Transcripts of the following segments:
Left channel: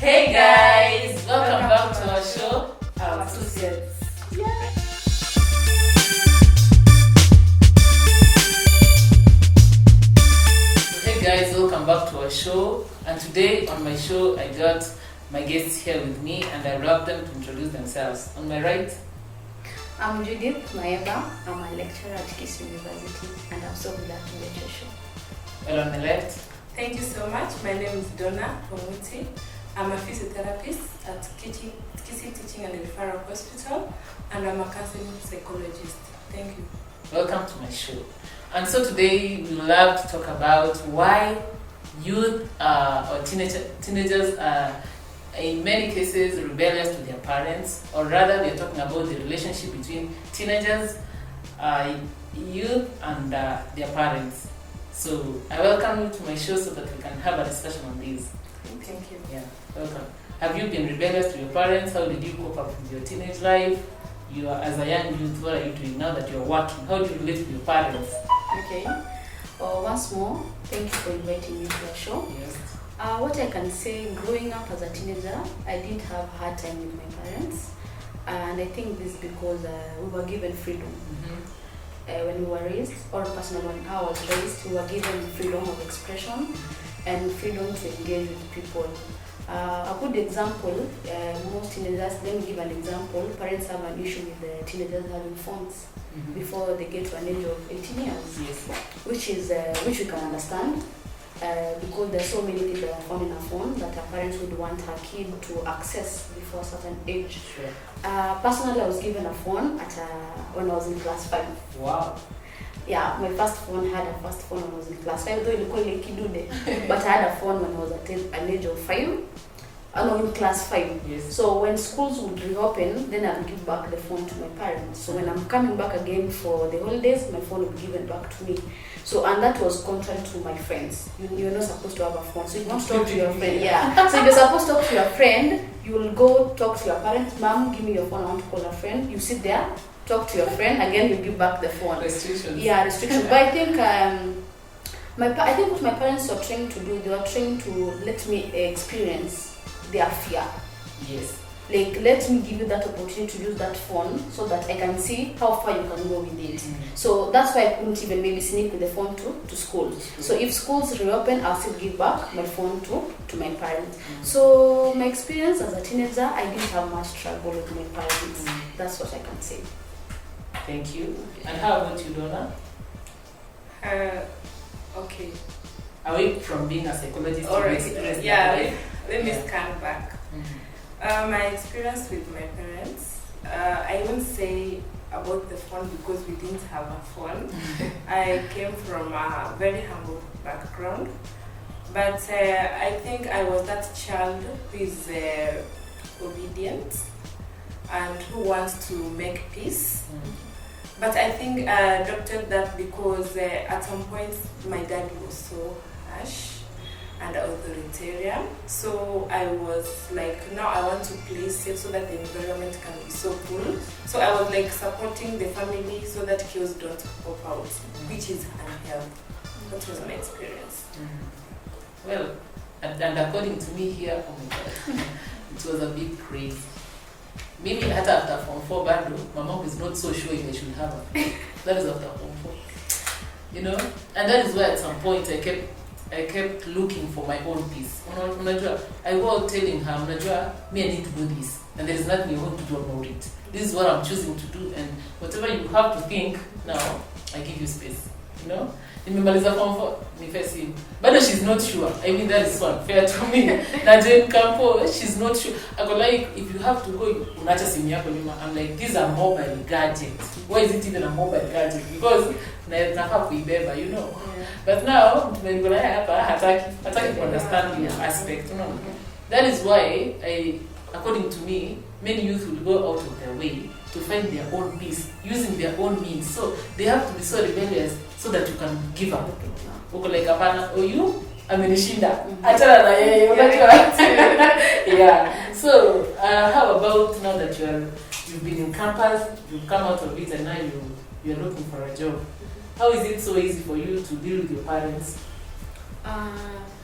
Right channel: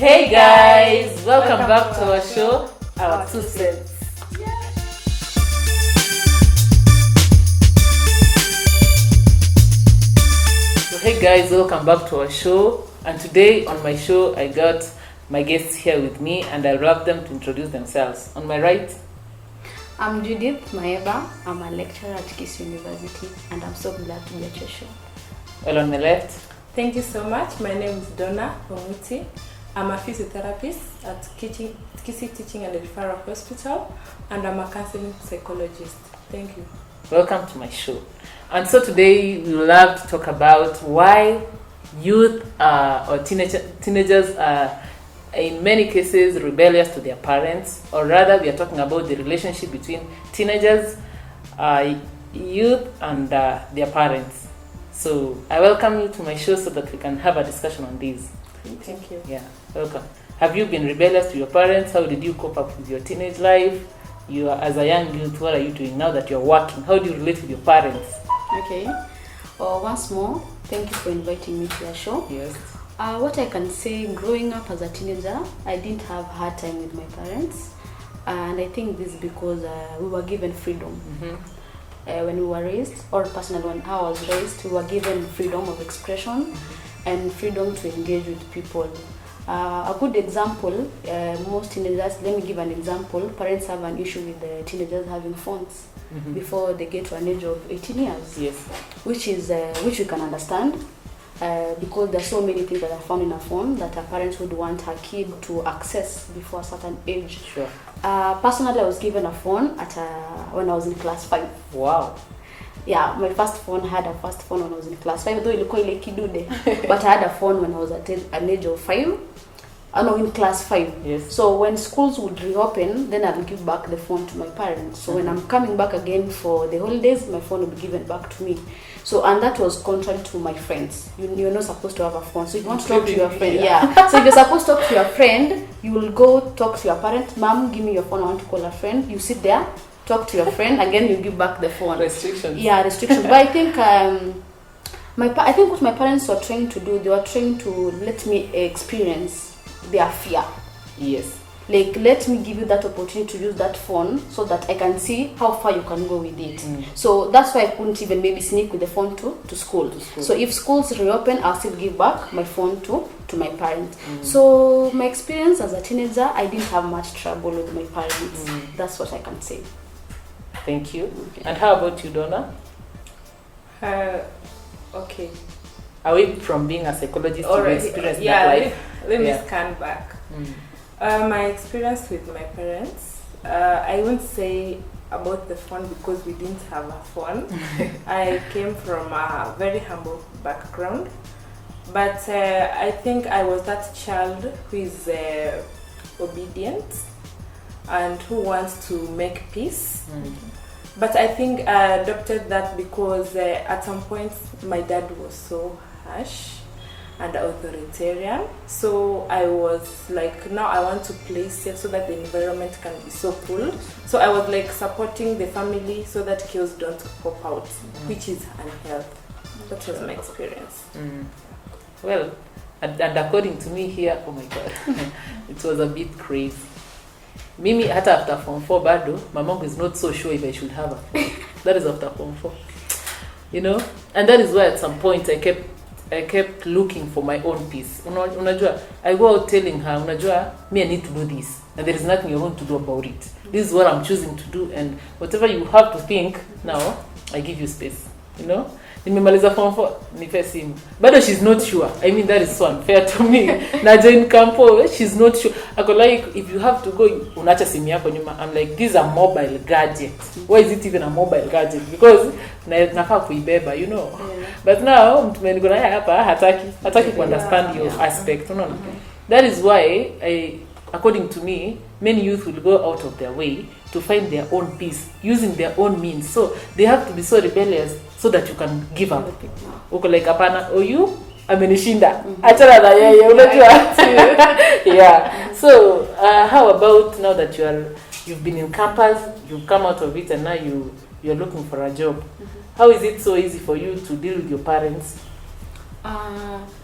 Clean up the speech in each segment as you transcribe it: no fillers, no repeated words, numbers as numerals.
Hey guys, welcome back to our show, Our Two Cents. So hey guys, welcome back to our show. And today on my show, I got my guests here with me, and I'll love them to introduce themselves. On my right, I'm Judith Maeba. I'm a lecturer at KISS University, and I'm so glad to be at your show. well on the left, Thank you so much. My name is Donna Omuti. I'm a physiotherapist at Kisi Teaching and Referral Hospital, and I'm a counseling psychologist. Thank you. welcome to my show. And so today we will love to talk about why youth or teenagers are in many cases rebellious to their parents, or rather we are talking about the relationship between teenagers, youth and their parents. So I welcome you to my show so that we can have a discussion on this. Thank you. Yeah, welcome. Have you been rebellious to your parents? How did you cope up with your teenage life? You are, as a young youth, what are you doing now that you're working? How do you relate with your parents? Okay. Once more, thank you for inviting me to your show. Yes. What I can say, growing up as a teenager, I didn't have hard time with my parents, and I think this is because we were given freedom. Mm-hmm. When we were raised, or personally when I was raised, we were given freedom of expression and freedom to engage with people. A good example, most teenagers, let me give an example, parents have an issue with the teenagers having phones before they get to an age of 18 years, Yes. which we can understand. Because there are so many things that are found in a phone that a parent would want her kid to access before a certain age. Sure. Personally, I was given a phone when I was in class 5. Wow. Yeah, my first phone had a first phone when I was in class 5, though ilikuwa ile kidude. But I had a phone when I was at an age of 5. In class 5. Yes. So when schools would reopen, then I'll give back the phone to my parents. So when I'm coming back again for the holidays, my phone will be given back to me. So, and that was contrary to my friends. You're not supposed to have a phone. So if you want to talk to your friend, So if you're supposed to talk to your friend, you will go talk to your parent. Mom, give me your phone. I want to call a friend. You sit there, talk to your friend. Again, you give back the phone. Restrictions. Yeah, restrictions. But I think I think what my parents were trying to do, they were trying to let me experience their fear. Yes. Like, let me give you that opportunity to use that phone so that I can see how far you can go with it. So that's why I couldn't even maybe sneak with the phone to school. So if schools reopen, I'll still give back my phone to my parents. So my experience as a teenager, I didn't have much trouble with my parents. That's what I can say. Thank you. And how about you, Donna? Okay. Away from being a psychologist, All you right. experienced Yeah. that life. Let me Yeah. scan back. My experience with my parents, I won't say about the phone because we didn't have a phone. I came from a very humble background, but I think I was that child who is obedient and who wants to make peace. But I think I adopted that because at some point my dad was so harsh and authoritarian. So I was like, now I want to play safe so that the environment can be so cool. So I was like supporting the family so that kids don't pop out, which is unhealthy. That was my experience. Well, and according to me here, oh my God, it was a bit crazy. Mimi, hata after Form 4 bado, my mom is not so sure if I should have a phone. That is after Form 4. You know? And that is why at some point I kept looking for my own peace. Unajua, I go out telling her, unajua, me I need to do this. And there is nothing you're going to do about it. This is what I'm choosing to do. And whatever you have to think, now, I give you space. You know? Nimemaliza Form 4, nipe simu. Bado she's not sure. I mean, that is unfair to me. Na join campo, she's not sure. I go like, if you have to go, unacha simu yako nyuma. I'm like, this is a mobile gadget. Why is it even a mobile gadget? Because nafaa kuibeba, you know. Yeah. But now, mtu mwenye niko naye hapa hataki to understand your aspect. No. That is why according to me, many youth will go out of their way to find their own peace using their own means. So they have to be so rebellious so that you can give up. Uko like hapana, you amenishinda. Achana na yeye, unajua. Yeah. So how about now that you've been in campus, you've come out of it, and now you're looking for a job? How is it so easy for you to deal with your parents?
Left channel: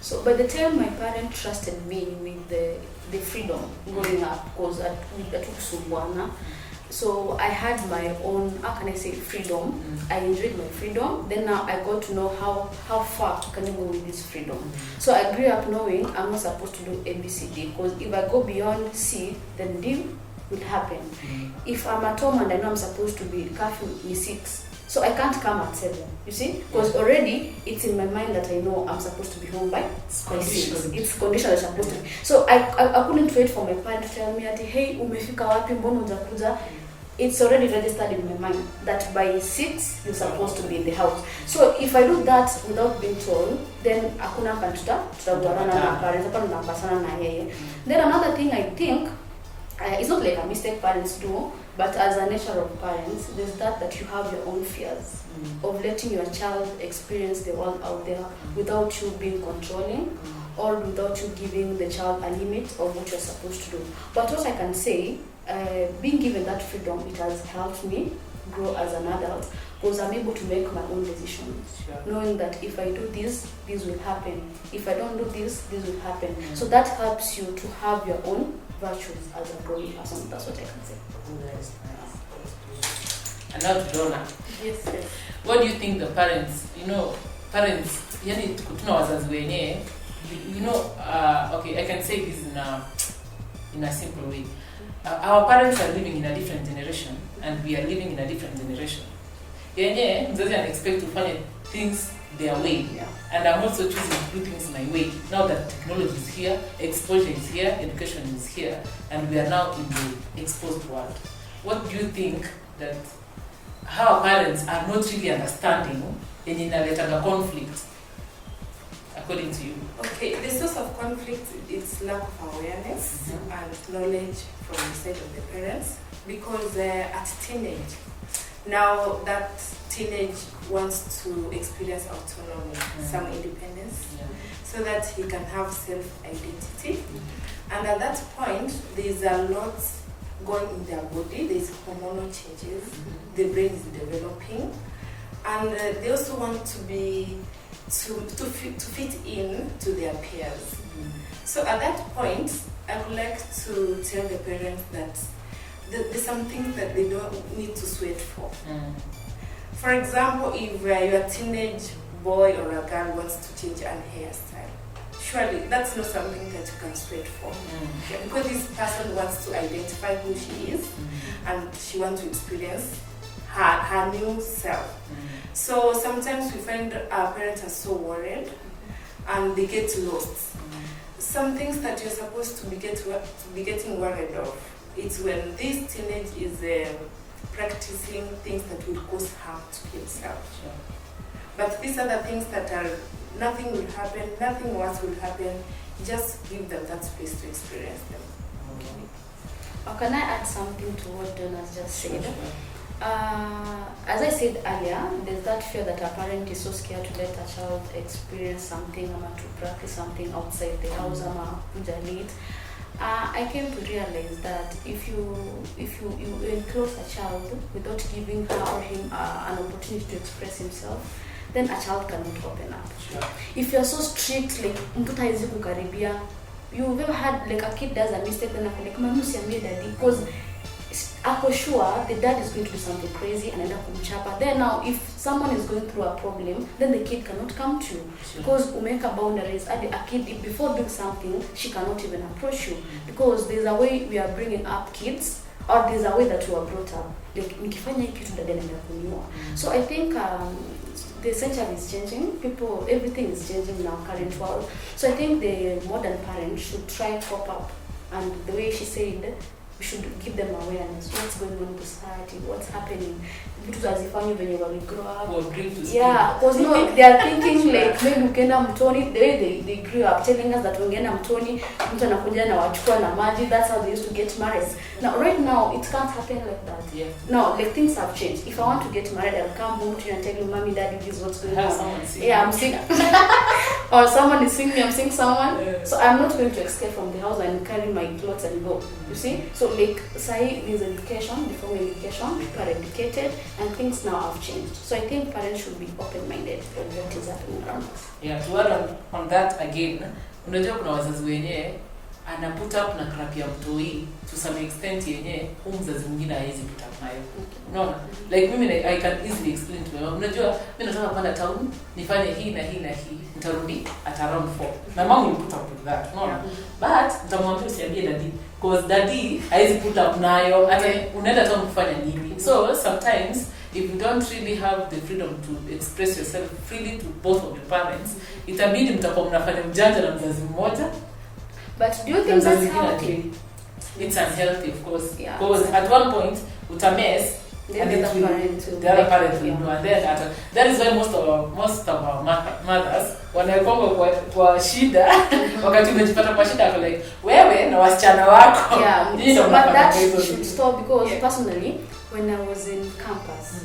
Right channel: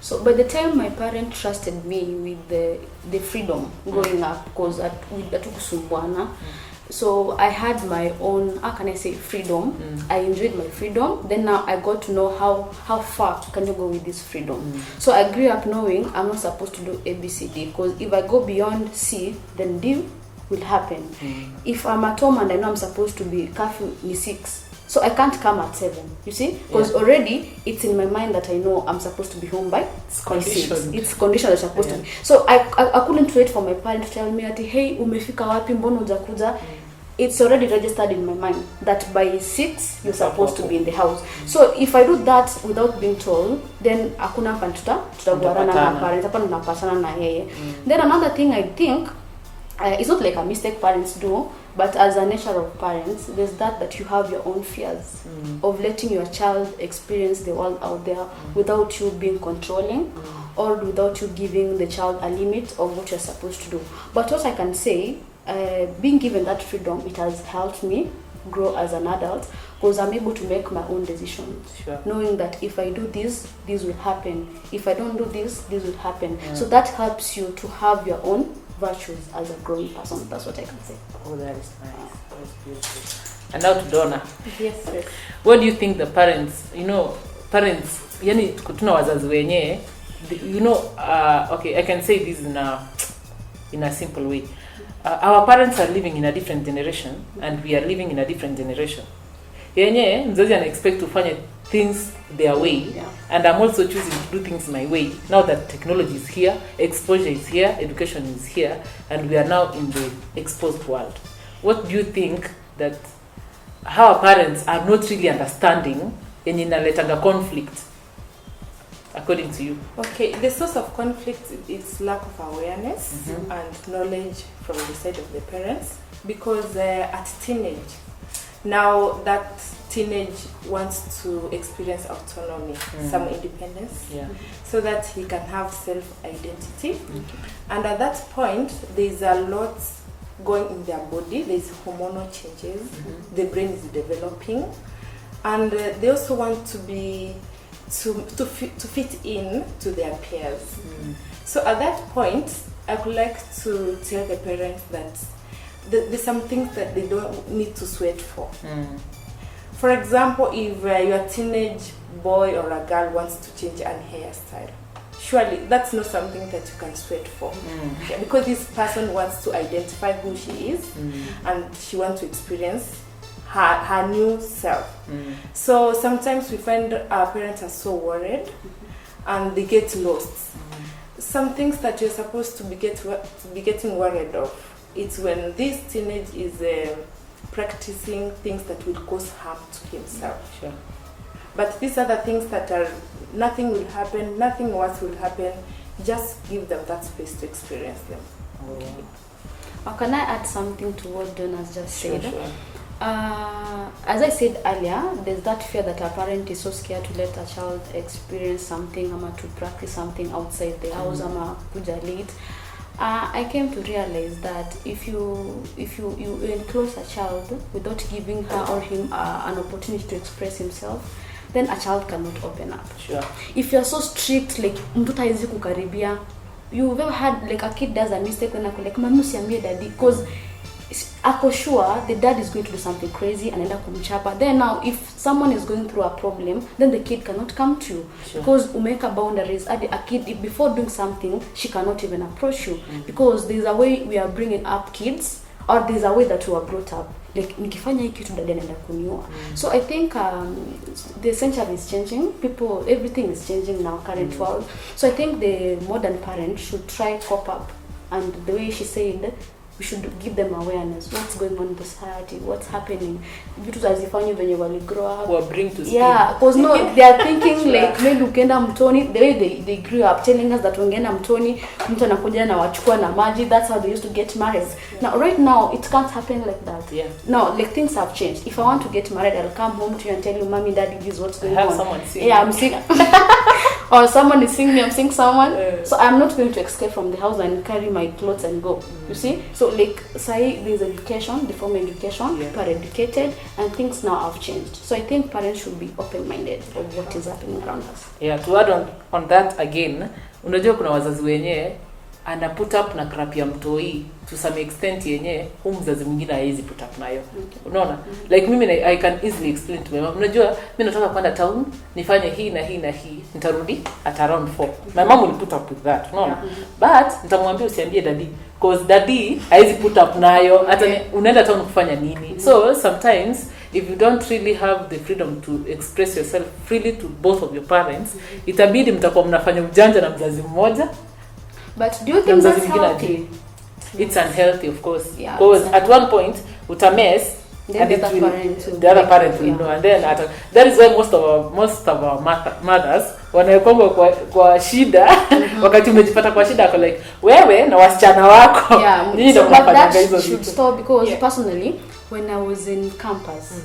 So by the time my parent trusted me with the freedom growing up, because atukusumbuana, so I had my own, how can I say, freedom. I enjoyed my freedom. Then now I got to know how far can you go with this freedom. So I grew up knowing I'm not supposed to do ABCD, because if I go beyond C, then D will happen. If I'm at home and I know I'm supposed to be curfew in 6, so I can't come at 7, you see? Because already it's in my mind that I know I'm supposed to be home by 6. It's conditioned that I'm supposed to be. So I couldn't wait for my parents to tell me that, hey, umefika wapi, mbona hujakuja? It's already registered in my mind that by 6 you're supposed to be in the house. So if I do that without being told, then hakuna hapa tutaguarana na parents, hapa tunapatana na yeye. Then another thing I think, it's not like a mistake parents do, but as a nature of parents, there's that you have your own fears of letting your child experience the world out there without you being controlling or without you giving the child a limit of what you're supposed to do. But what I can say, being given that freedom, it has helped me grow as an adult, because I'm able to make my own decisions, knowing that if I do this will happen. If I don't do this will happen. So that helps you to have your own virtues as a growing person. That's what I can say. Oh, that is nice. That's beautiful. And now to Donna. Yes. What do you think the parents, parents, yani kutuna wazazi wenye, okay, I can say this in a simple way. Our parents are living in a different generation and we are living in a different generation. Yenye mzazi ana expect to find things their way, and I'm also choosing to do things my way. Now that technology is here, exposure is here, education is here, and we are now in the exposed world. What do you think that how our parents are not really understanding and inaleta conflict, according to you? Okay, the source of conflict is lack of awareness and knowledge from the side of the parents, because at teenage, now that teenage wants to experience autonomy, some independence, so that he can have self-identity. And at that point, there's a lot going in their body. There's hormonal changes. The brain is developing, and they also want to be to fit in to their peers. So at that point, I would like to tell the parents that there's some things that they don't need to sweat for. For example, if your teenage boy or a girl wants to change an hairstyle, surely that's not something that you can sweat for. Because this person wants to identify who she is and she wants to experience her new self. So sometimes we find our parents are so worried and they get lost. Some things that you're supposed to be getting worried of, it's when this teenage is practicing things that will cause harm to himself. But these are the things that are, nothing will happen, nothing worse will happen. Just give them that space to experience them. Can I add something to what Donna's just said? As I said earlier, there's that fear that a parent is so scared to let a child experience something, to practice something outside the house, kuja late. I came to realize that if you enclose a child without giving her or him an opportunity to express himself, then a child cannot open up. If you're so strict, like mtoto hawezi kukaribia, you've ever had like a kid does a mistake and I'm like, mama usiambie daddy, because ako sure the dad is going to do something crazy and anaenda kumchapa. Then now if someone is going through a problem, then the kid cannot come to you because umeweka boundaries. A kid, before doing something, she cannot even approach you because there's a way we are bringing up kids, or there's a way that we are brought up. Like nikifanya hiki kitu dada anaenda kuniua. So I think the century is changing. Everything is changing now, current world. So I think the modern parent should try cope up, and the way she said, we should give them awareness. What's going on in the society? What's happening? Vitu tazifanya venye wali grow up. Or bring to speed. Yeah, because no, they are thinking like maybe ukienda mtoni, the way they grew up telling us that ungeenda mtoni, mtu anakuja na wachukua na maji. That's how they used to get married. Now, right now, it can't happen like that. Yeah. No, like things have changed. If I want to get married, I'll come home to you and tell you, mommy, daddy, this is what's going on. Someone see yeah, I'm sick. or someone is seeing me, I'm seeing someone. So I'm not going to escape from the house and carry my clothes and go. You see? So like say there's education, the formal education, people are educated, and things now have changed. So I think parents should be open-minded of what is happening around us. Yeah, to add on that again, unajua kuna wazazi wenyewe ana put up na crap ya mtoi to some extent yenyewe mzazi mwingine haizi put up nayo. Unaona? Like mimi I can easily explain to my mom. Unajua mimi nataka kwenda town nifanye hii na hii na hii, nitarudi at around 4. My mom will put up with that. Unaona? But nitamwambia usiambie daddy because daddy haizi put up nayo. Hata unaenda town kufanya nini? So sometimes if you don't really have the freedom to express yourself freely to both of your parents, itabidi mtakuwa mnafanya ujanja na mzazi mmoja. But do you think that's healthy? It's unhealthy, of course. Yeah, because at one point, utamess, then and the other parent will know. And then that is why most of our mothers wanaekonga kwa shida wakati umejipata kwa shida ako like wewe na wasichana wako. Yeah, so, but that should stop because personally, when I was in campus,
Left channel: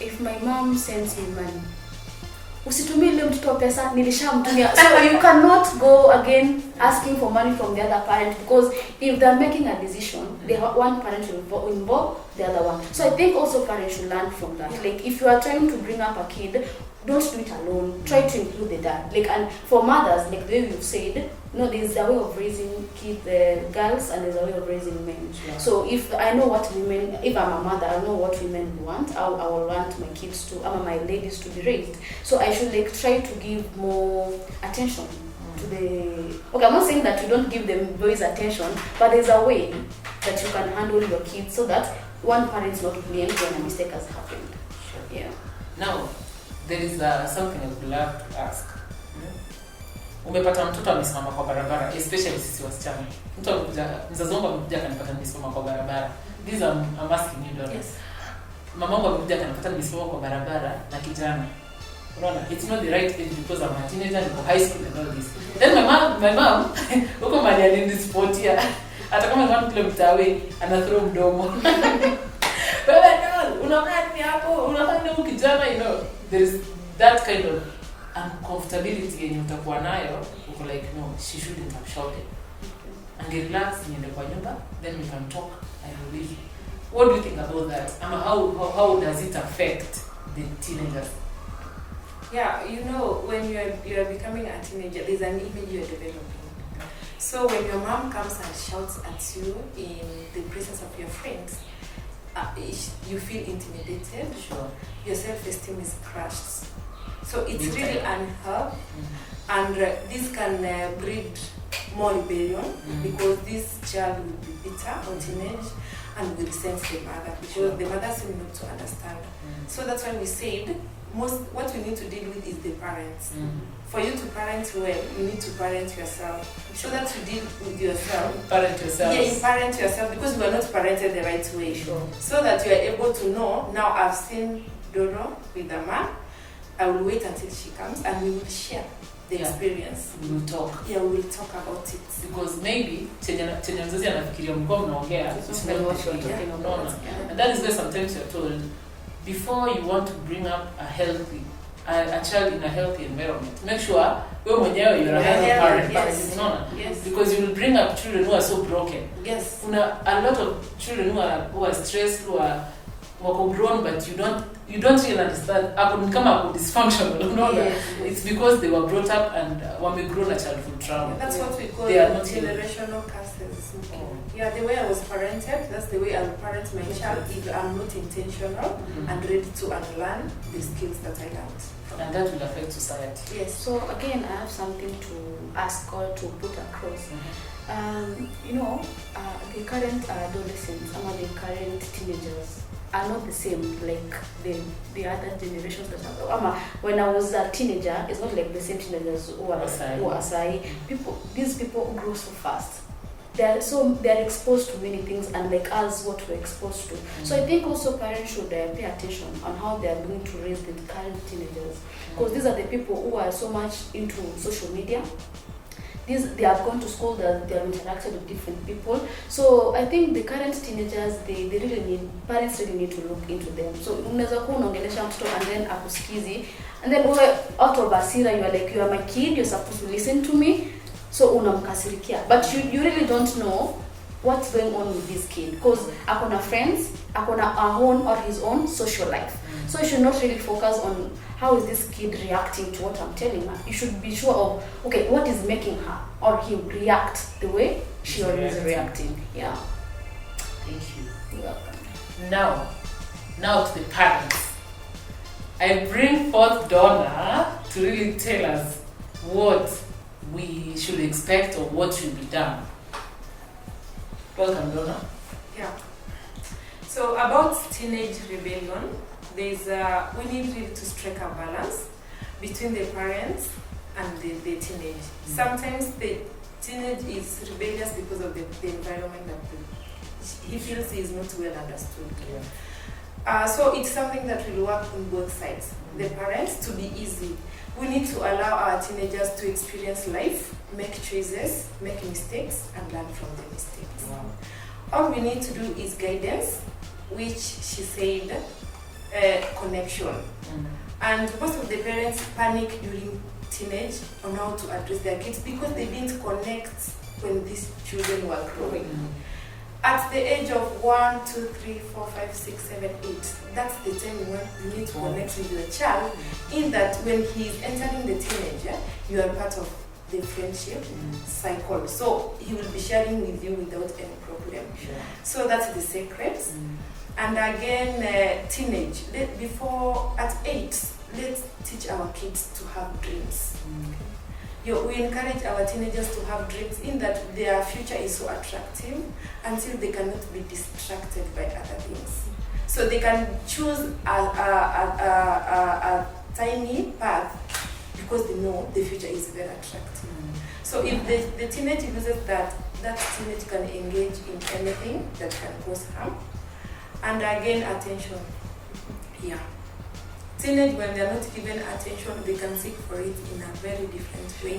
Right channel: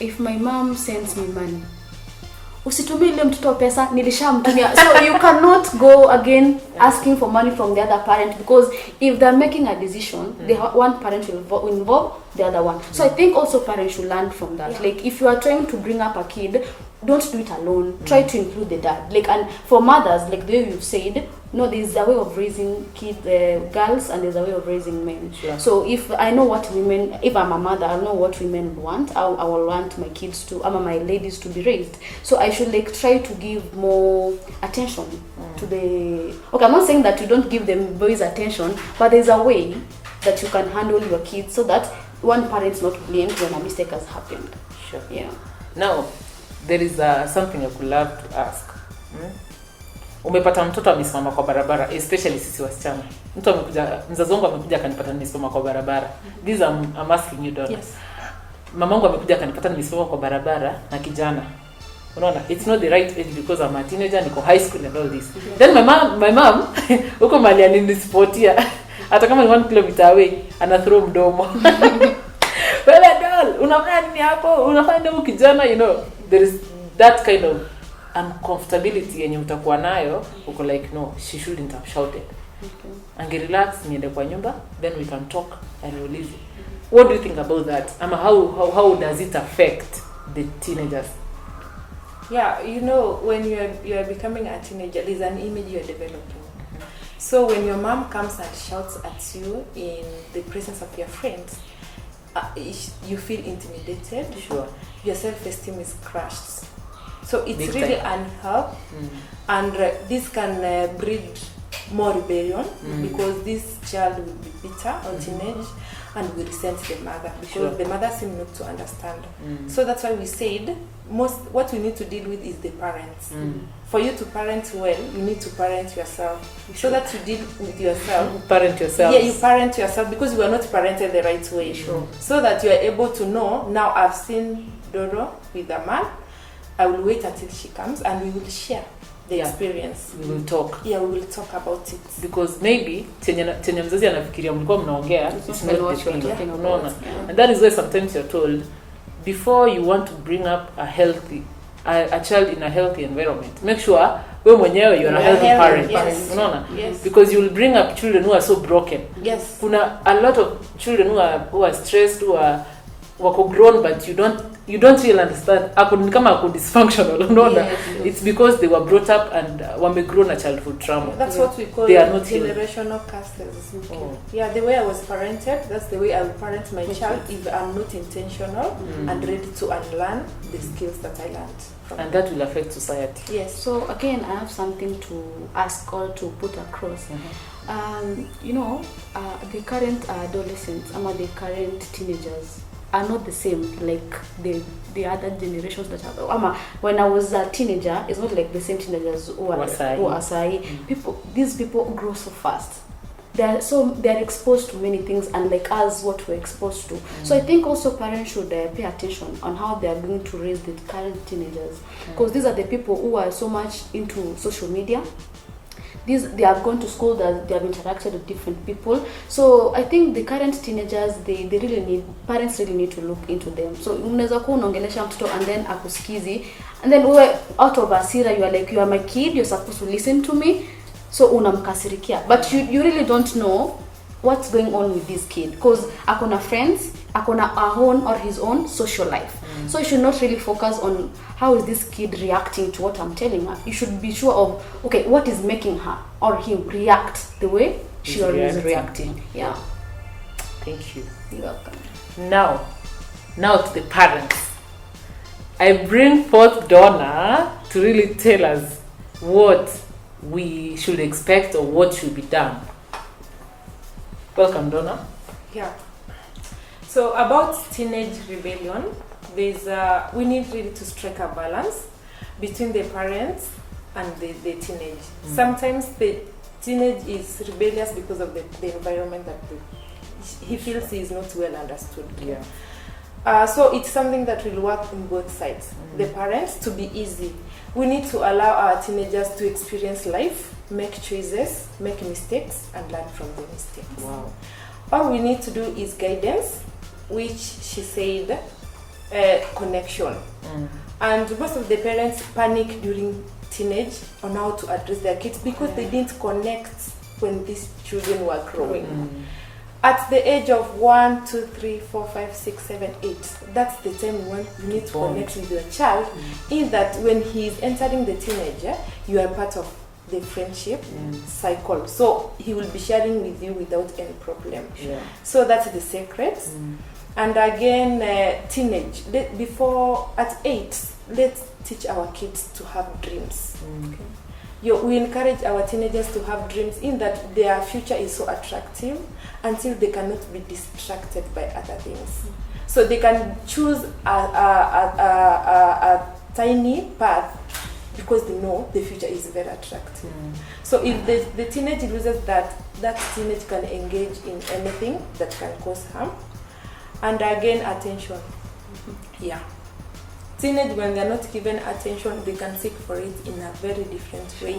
if my mom sends me money, usitumie ile mtoto pesa nilishamtumia. So you cannot go again asking for money from the other parent, because if they're making a decision, the one parent will involve the other one. So I think also parents should learn from that. Like if you are trying to bring up a kid, don't do it alone. Try to include the dad. Like, and for mothers, like the way you've said, there's a way of raising girls, and there's a way of raising men. Sure. So if I know what women, if I'm a mother, I know what women want. I will want my kids to, my ladies to be raised. So I should like try to give more attention to the. Okay, I'm not saying that you don't give them boys attention, but there's a way that you can handle your kids so that one parent's not blamed when a mistake has happened. Sure. Yeah. Now, there is something I would love to ask. Umepata mtoto amesimama kwa barabara, especially sisi wasichana. Mtu amekuja, mzazi wangu amekuja akanipata nimesimama kwa barabara. This I'm asking you, daughter. Yes. Mamangu amekuja akanipata nimesimama kwa barabara na kijana. Unaona, it's not the right age because I'm a teenager, niko high school and all this. Then my mom huko mali alinisportia. Hata kama ni 1 kilometer away, ana throw mdomo. Wewe doll, unafanya nini hapo? Unafanya nini kijana, there is that kind of uncomfortability yenye utakuwa nayo, uko like no, she shouldn't have shouted. Okay. Angerelax, niende kwa nyumba, then we can talk and we'll leave. What do you think about that? How does it affect the teenagers? Yeah, when you are becoming a teenager, there's an image you're developing. So when your mom comes and shouts at you in the presence of your friends, you feel intimidated. Sure. Your self-esteem is crushed. So it's really unhealthy, and this can breed more rebellion because this child will be bitter or teenage and will resent the mother because the mother seems not to understand. So that's why we said what we need to deal with is the parents. For you to parent well, you need to parent yourself. So that you deal with yourself. Parent yourself. Yeah, you parent yourself because you are not parented the right way. Sure. So that you are able to know, now I've seen Dodo with a man, I will wait until she comes and we will share the experience. We will talk. Yeah, we will talk about it. Because maybe chenye mzazi anafikiria mlikuwa mnaongea, it's not what you're talking about. And that is why sometimes you're told, before you want to bring up a child in a healthy environment, make sure wewe mwenyewe you are a healthy parent. Unaona? Yes. Because you will bring up children who are so broken. Yes. Kuna a lot of children who are stressed, who are wako grown, but you don't really understand kama dysfunctional, unaona. It's because they were brought up and wamegrown a childhood trauma. That's what we call generational curses. Yeah, the way I was parented, that's the way I will parent my child if I'm not intentional and ready to unlearn the skills that I learned. And that will affect society. Yes. So again, I have something to ask or to put across. The current adolescents, the current teenagers are not the same like the other generations that have. When I was a teenager, it's not like the same teenagers who are These people grow so fast. They're exposed to many things, and like us, what we're exposed to. So I think also parents should pay attention on how they are going to raise the current teenagers, because these are the people who are so much into social media. they have gone to school, that they have interacted with different people. So I think the current teenagers, parents really need to look into them. So unaweza kuwa unaongelesha mtoto and then akusikizi, and then out of asira you are like, you are my kid, you're supposed to listen to me, so unamkasirikia, but you really don't know what's going on with this kid, because akona friends, akona his own social life. So you should not really focus on how is this kid reacting to what I'm telling her. You should be sure of, okay, what is making her or him react the way she or he is reacting. Yeah. Thank you. You're welcome. Now to the parents. I bring forth Donna to really tell us what we should expect or what should be done. Welcome, Donna. Yeah. So about teenage rebellion, we need really to strike a balance between the parents and the teenage. Sometimes the teenage is rebellious because of the environment that he feels he is not well understood. Yeah. So it's something that will work on both sides. The parents, to be easy. We need to allow our teenagers to experience life, make choices, make mistakes, and learn from the mistakes. Wow. All we need to do is guidance, which she said, connection. And most of the parents panic during teenage on how to address their kids because they didn't connect when these children were growing. At the age of 1, 2, 3, 4, 5, 6, 7, 8, that's the time you need to connect with your child. In that when he is entering the teenager, you are part of the friendship cycle. So he will be sharing with you without any problem. Yeah. So that's the secret. And again, teenage, before at 8, let's teach our kids to have dreams. We encourage our teenagers to have dreams, in that their future is so attractive until they cannot be distracted by other things. So they can choose a tiny path because they know the future is very attractive. So if the teenage loses that teenage can engage in anything that can cause harm. And again, attention. Yeah. Teenage, when they're not given attention, they can seek for it in a very different way,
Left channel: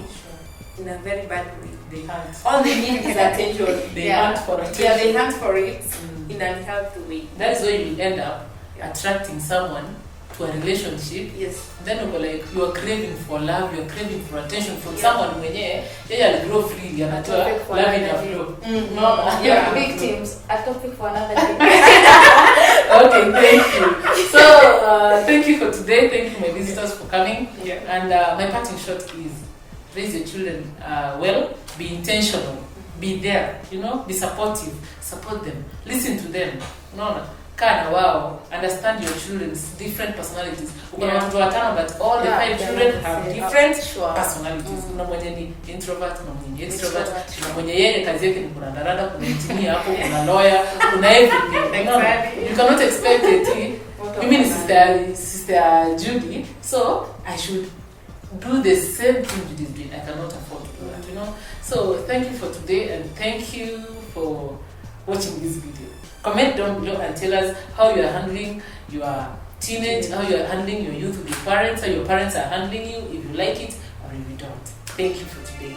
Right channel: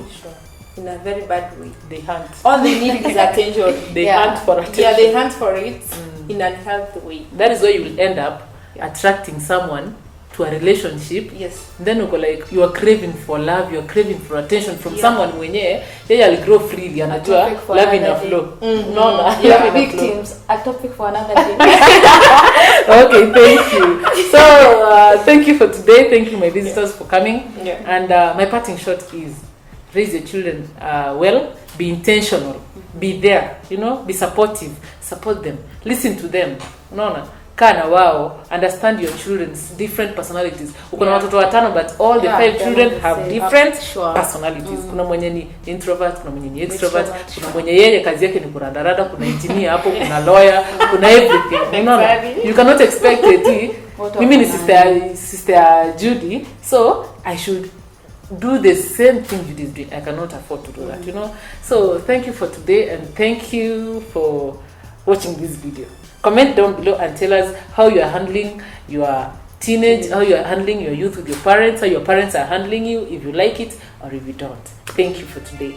in a very bad way. They hunt. All they need is attention. They hunt for attention. Yeah, they hunt for it in an unhealthy way. That is why you will end up attracting someone to a relationship. Yes. Then you are craving for love, you are craving for attention from someone mwenye yeye grow freely and love in a flow. Victims, a topic for another day. Okay, thank you. So thank you for today. Thank you, my visitors, for coming. And my parting shot is raise your children well, be intentional, be there, be supportive, support them, listen to them. Kana wao, understand your children's different personalities. Ukona watoto watano, but all the 5 children have different personalities. Kuna mwenye ni introvert, kuna mwenye ni extrovert, kuna mwenye yeye kazi yake ni kurandarada, kuna engineer hapo, kuna lawyer, kuna everything. You cannot expect it. Mimi ni sister Judy, so I should do the same thing Judy is doing. I cannot afford to do that, So thank you for today, and thank you for watching this video. Comment down below and tell us how you are handling your teenage, how you are handling your youth with your parents, how your parents are handling you, if you like it or if you don't. Thank you for today.